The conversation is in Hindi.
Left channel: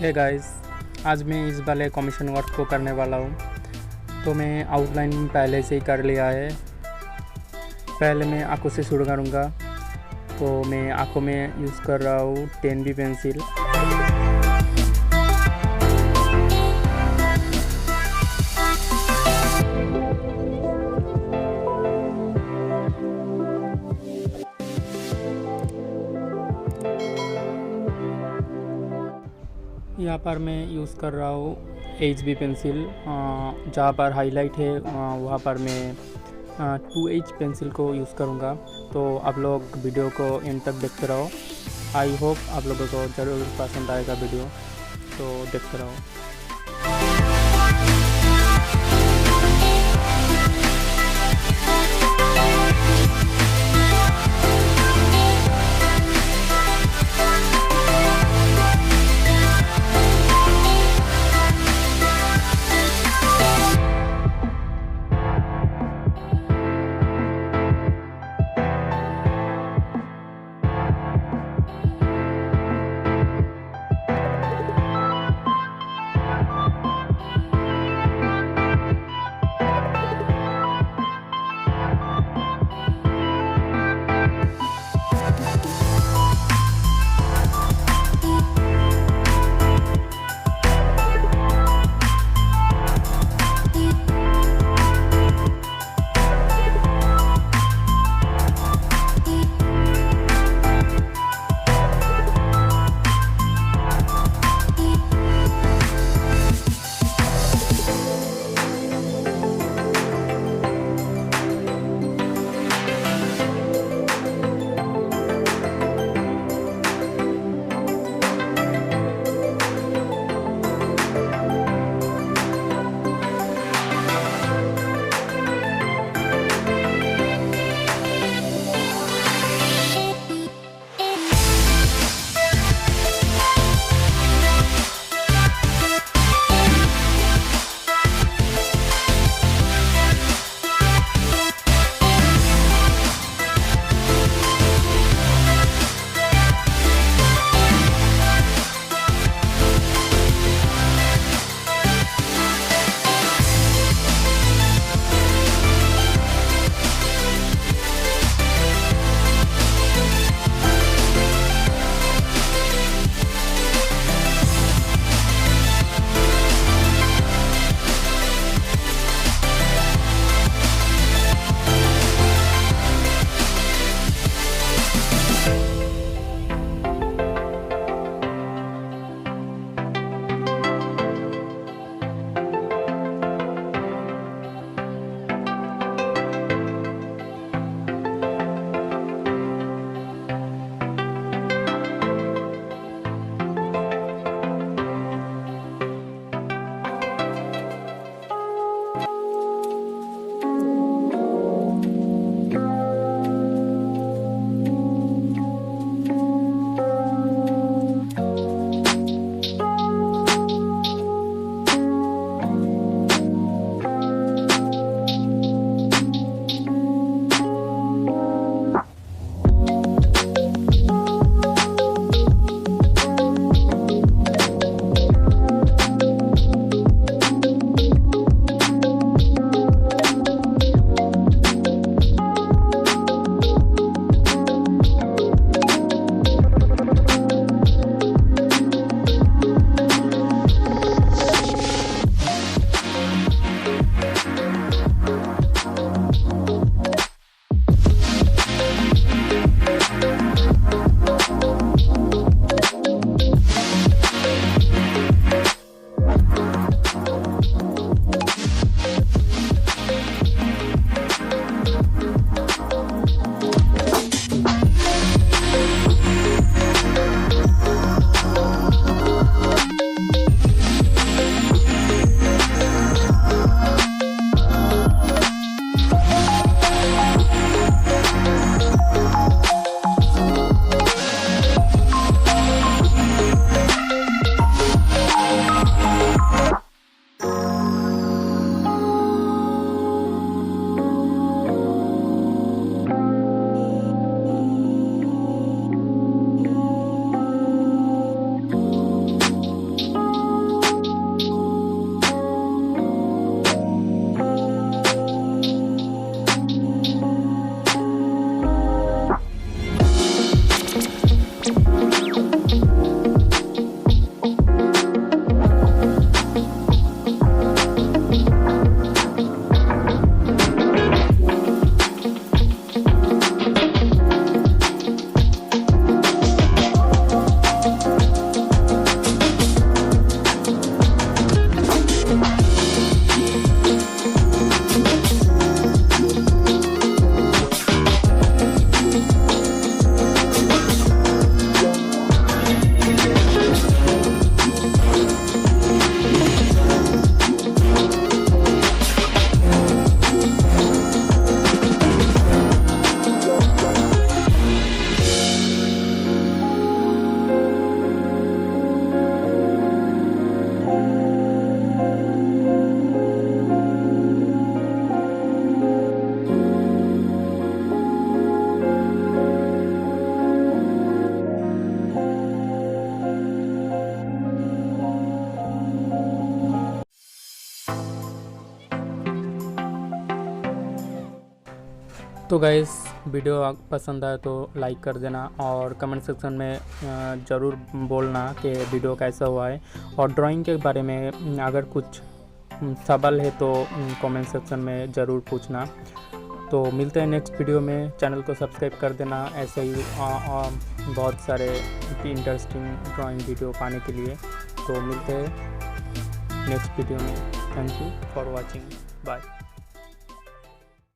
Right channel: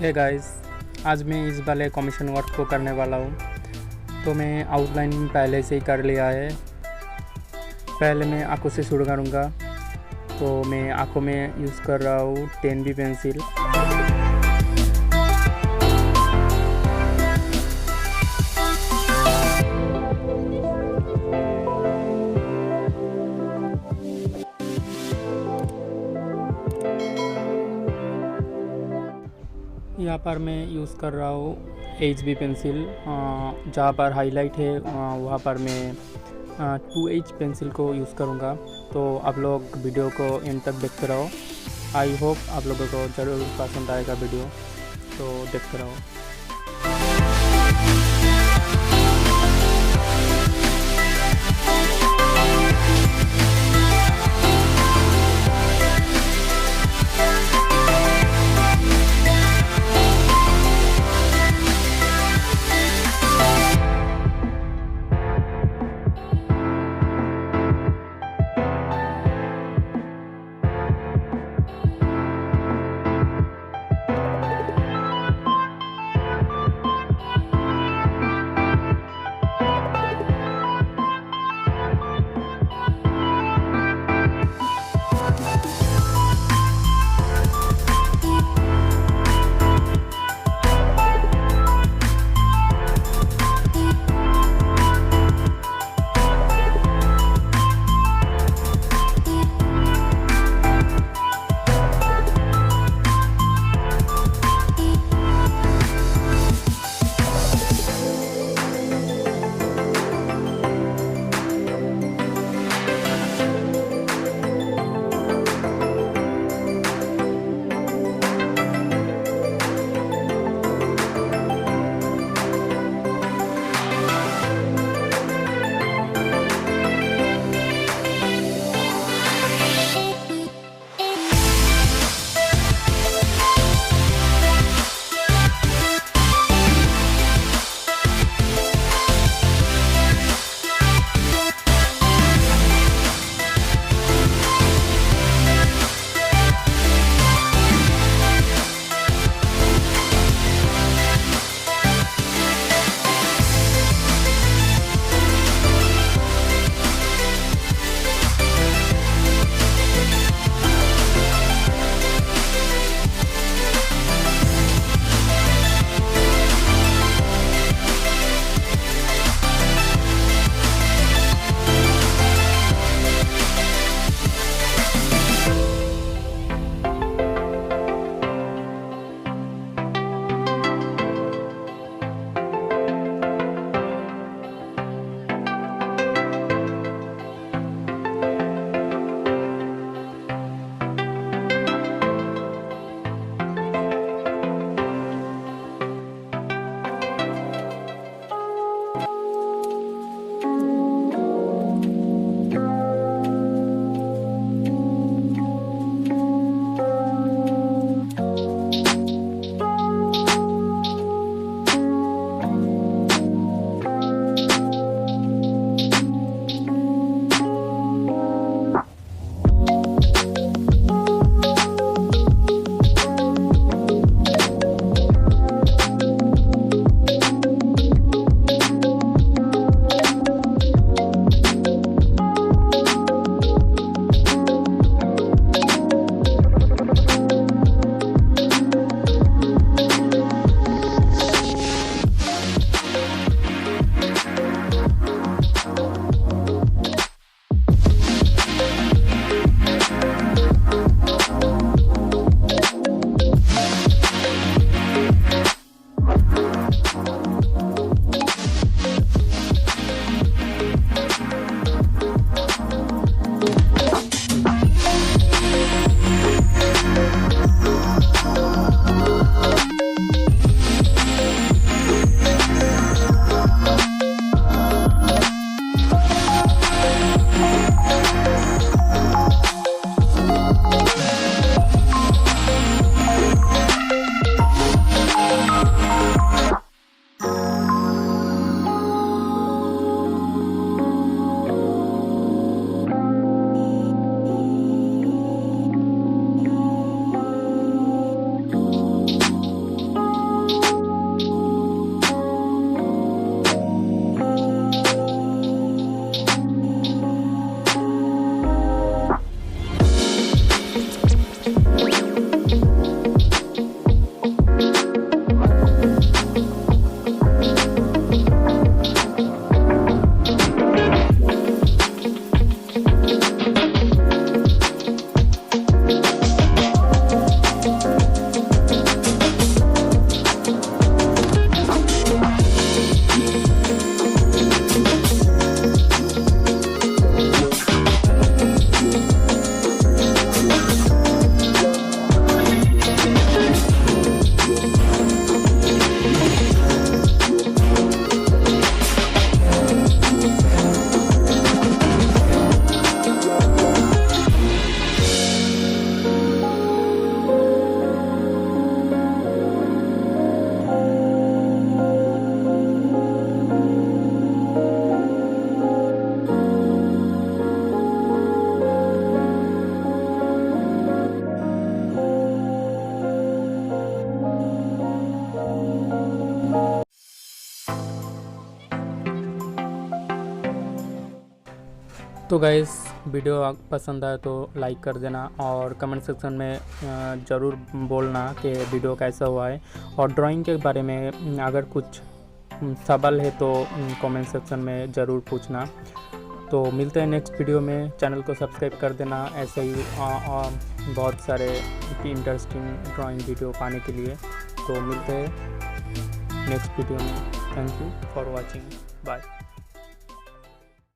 हे गाइस, आज मैं इस वाले कमीशन वर्क को करने वाला हूँ। तो मैं आउटलाइन पहले से ही कर लिया है। पहले मैं आँखों से शुरू करूँगा। तो मैं आँखों में यूज़ कर रहा हूँ 10B पेंसिल। यहाँ पर मैं यूज़ कर रहा हूँ HB पेंसिल। जहाँ पर हाईलाइट है वहाँ पर मैं 2H पेंसिल को यूज़ करूँगा। तो आप लोग वीडियो को एंड तक देखते रहो। आई होप आप लोगों को ज़रूर पसंद आएगा वीडियो, तो देखते रहो। तो गाइस वीडियो पसंद आए तो लाइक कर देना और कमेंट सेक्शन में ज़रूर बोलना कि वीडियो कैसा हुआ है, और ड्राइंग के बारे में अगर कुछ सवाल है तो कमेंट सेक्शन में ज़रूर पूछना। तो मिलते हैं नेक्स्ट वीडियो में। चैनल को सब्सक्राइब कर देना ऐसे ही बहुत सारे इंटरेस्टिंग ड्राइंग वीडियो पाने के लिए। तो मिलते हैं नेक्स्ट वीडियो में। Thank you for watching. Bye.